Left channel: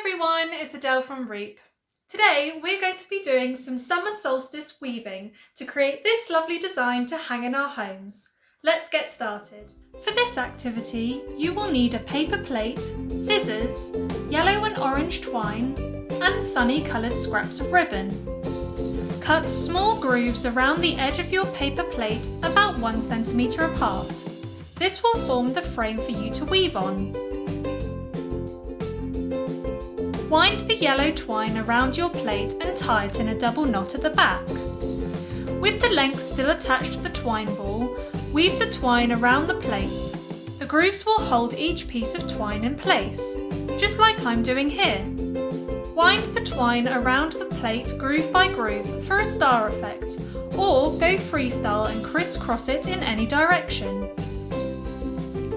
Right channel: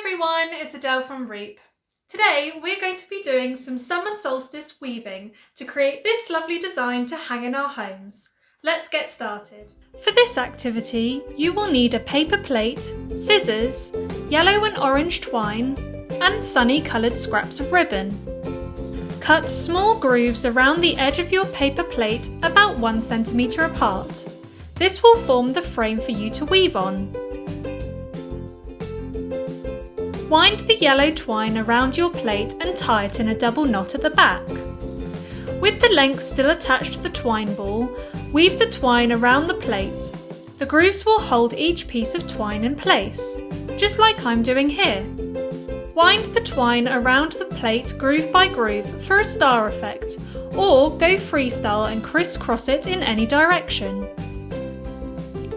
everyone, it's Adele from REEP. Today we're going to be doing some summer solstice weaving to create this lovely design to hang in our homes. Let's get started. For this activity you will need a paper plate, scissors, yellow and orange twine and sunny coloured scraps of ribbon. Cut small grooves around the edge of your paper plate about 1 centimetre apart. This will form the frame for you to weave on. Wind the yellow twine around your plate and tie it in a double knot at the back. With the length still attached to the twine ball, weave the twine around the plate. The grooves will hold each piece of twine in place, just like I'm doing here. Wind the twine around the plate groove by groove for a star effect, or go freestyle and crisscross it in any direction.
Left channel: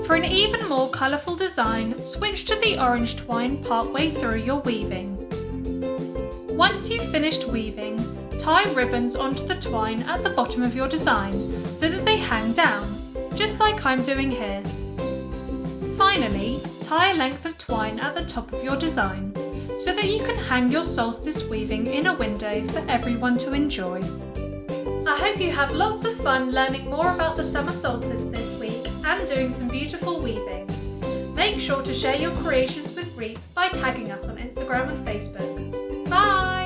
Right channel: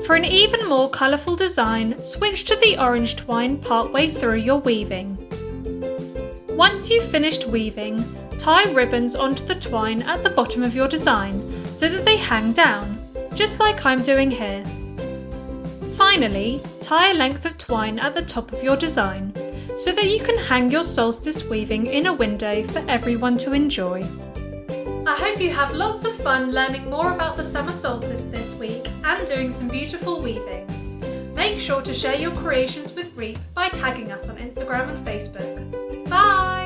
For an even more colourful design, switch to the orange twine partway through your weaving. Once you've finished weaving, tie ribbons onto the twine at the bottom of your design so that they hang down, just like I'm doing here. Finally, tie a length of twine at the top of your design so that you can hang your solstice weaving in a window for everyone to enjoy. I hope you have lots of fun learning more about the summer solstice this week and doing some beautiful weaving. Make sure to share your creations with REEP by tagging us on Instagram and Facebook. Bye!